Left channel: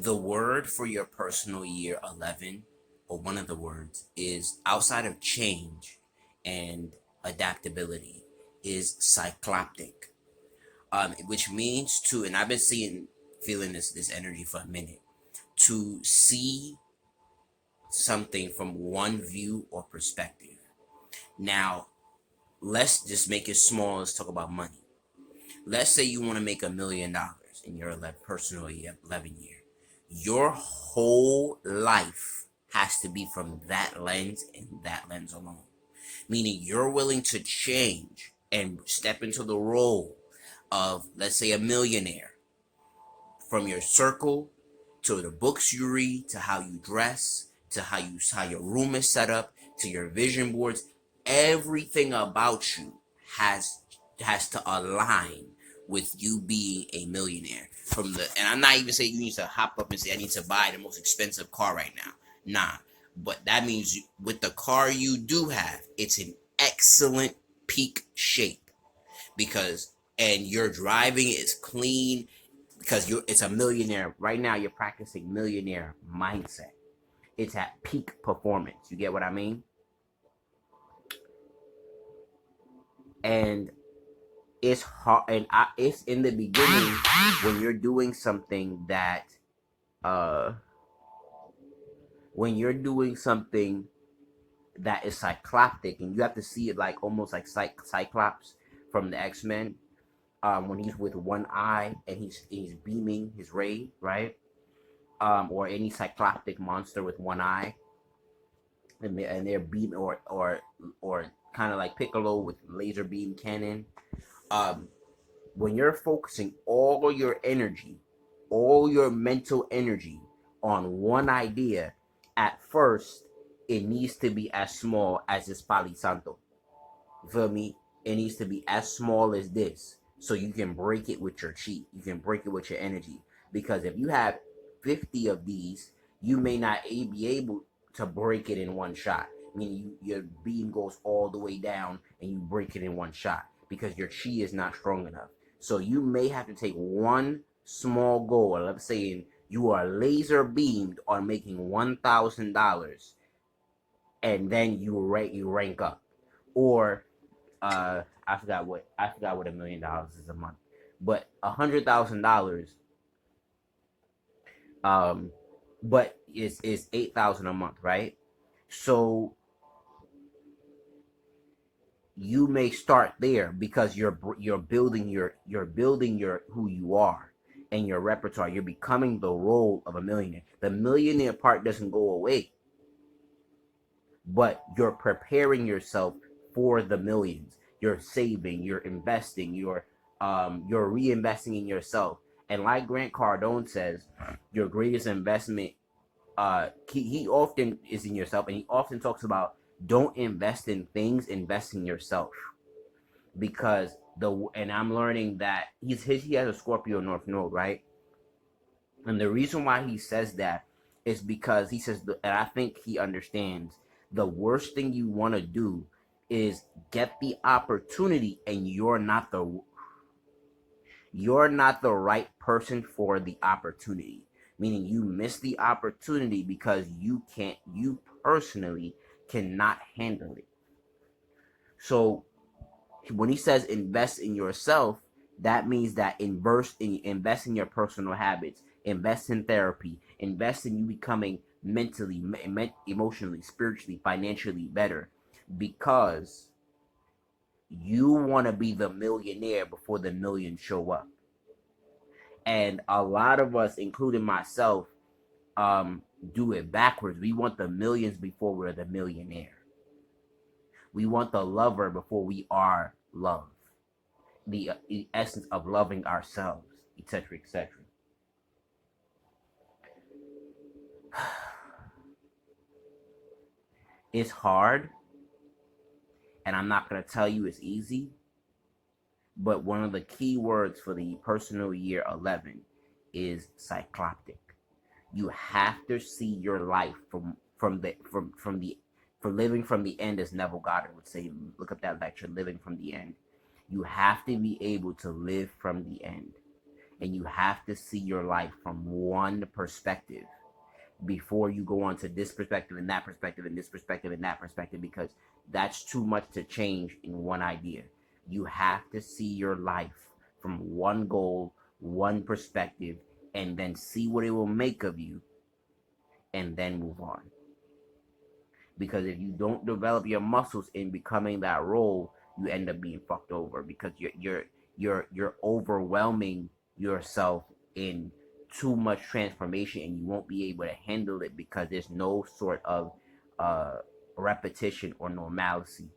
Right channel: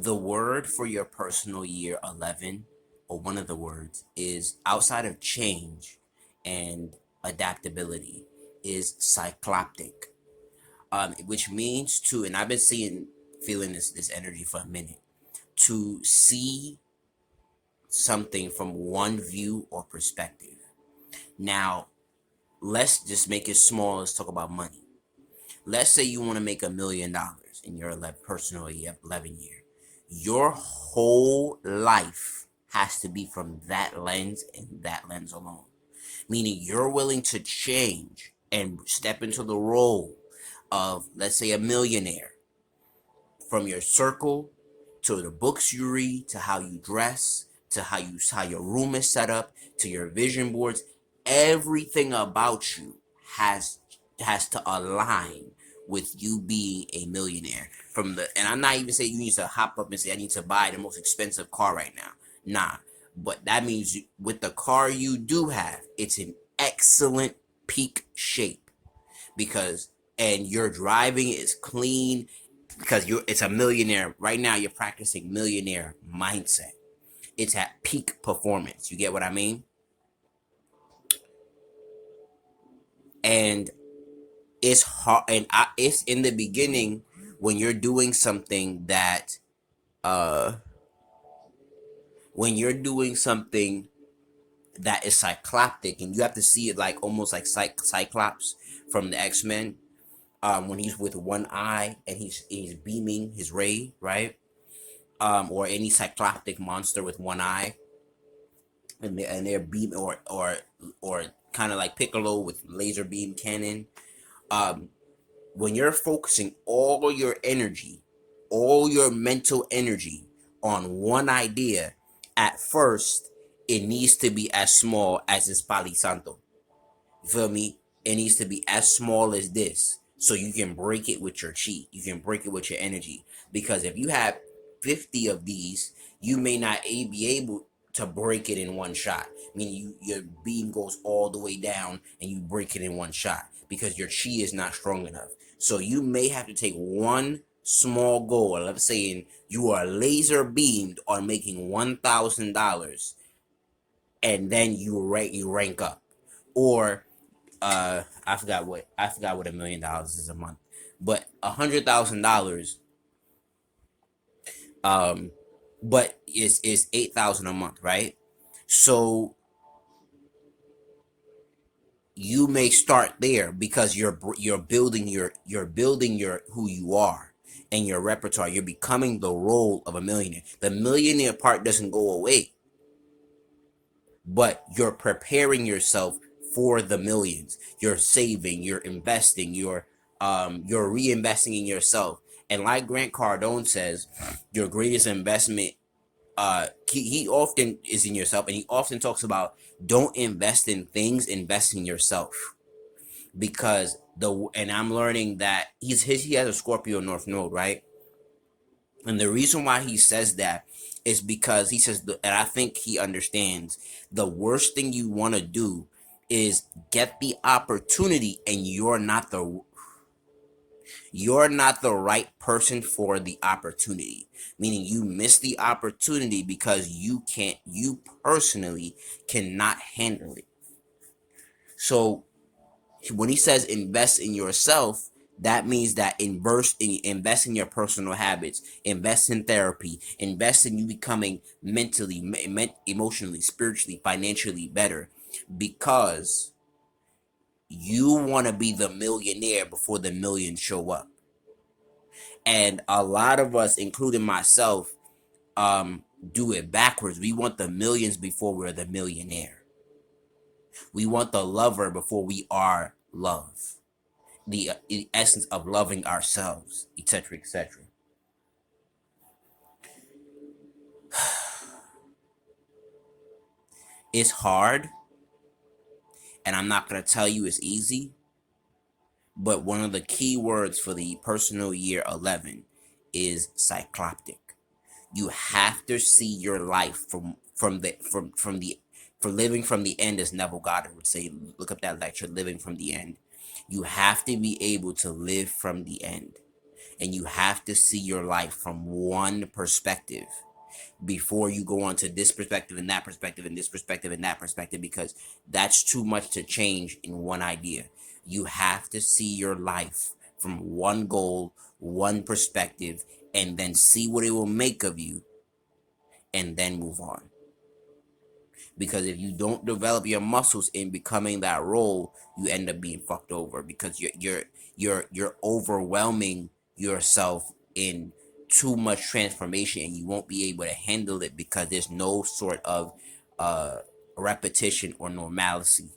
The word for your personal year 11, or one of the words, is outside of change and adaptability, is cycloptic, which means to, and I've been feeling this energy for a minute, to see something from one view or perspective. Now, let's just make it small. Let's talk about money. Let's say you want to make $1 million in your personal 11 year. Your whole life has to be from that lens and that lens alone. Meaning you're willing to change and step into the role of, let's say, a millionaire, from your circle to the books you read to how you dress to how your room is set up to your vision boards. Everything about you has to align with you being a millionaire. And I'm not even saying you need to hop up and say I need to buy the most expensive car right now. Nah, but that means with the car you do have, it's in excellent peak shape, because and your driving is clean, because it's a millionaire right now. You're practicing millionaire mindset. It's at peak performance. You get what I mean? And it's hard, and it's in the beginning when you're doing something that uh when you're doing something that is cycloptic, and you have to see it like almost like Cyclops from the X-Men, when he's with one eye and he's beaming his ray, right? Or any cycloptic monster with one eye, and they're beam, or kind of like Piccolo with laser beam cannon. Um, when you're focusing all your mental energy on one idea, at first it needs to be as small as this Pali Santo. You feel me? It needs to be as small as this, so you can break it with your chi. You can break it with your energy. Because if you have 50 of these, you may not be able to break it in one shot. I mean, your beam goes all the way down, and you break it in one shot because your chi is not strong enough. So you may have to take one small goal. Let's say you are laser beamed on making $1,000, and then you rank up, or I forgot what $1 million is a month, but $100,000, um, but is 8,000 a month, right? So you may start there because you're building your who you are and your repertoire. You're becoming the role of a millionaire. The millionaire part doesn't go away, but you're preparing yourself for the millions. You're saving, you're investing, you're reinvesting in yourself. And like Grant Cardone says, your greatest investment, he often is in yourself, and he often talks about don't invest in things, invest in yourself. Because and I'm learning that he has a Scorpio North Node, right? And the reason why he says that is because he says, and I think he understands, the worst thing you want to do is get the opportunity and you're not the right person for the opportunity. Meaning you miss the opportunity because you personally cannot handle it. So when he says invest in yourself, that means that invest in your personal habits, invest in therapy, invest in you becoming mentally, emotionally, spiritually, financially better, because you want to be the millionaire before the millions show up. And a lot of us, including myself, do it backwards. We want the millions before we're the millionaire. We want the lover before we are love. The essence of loving ourselves, etc., etc. It's hard, and I'm not going to tell you it's easy, but one of the key words for the personal year 11 is cycloptic. You have to see your life from living from the end, as Neville Goddard would say. Look up that lecture, Living from the End. You have to be able to live from the end. And you have to see your life from one perspective before you go on to this perspective and that perspective and this perspective and that perspective, because that's too much to change in one idea. You have to see your life from one goal, one perspective, and then see what it will make of you, and then move on. Because if you don't develop your muscles in becoming that role, you end up being fucked over, because you're overwhelming yourself in too much transformation, and you won't be able to handle it because there's no sort of uh repetition or normalcy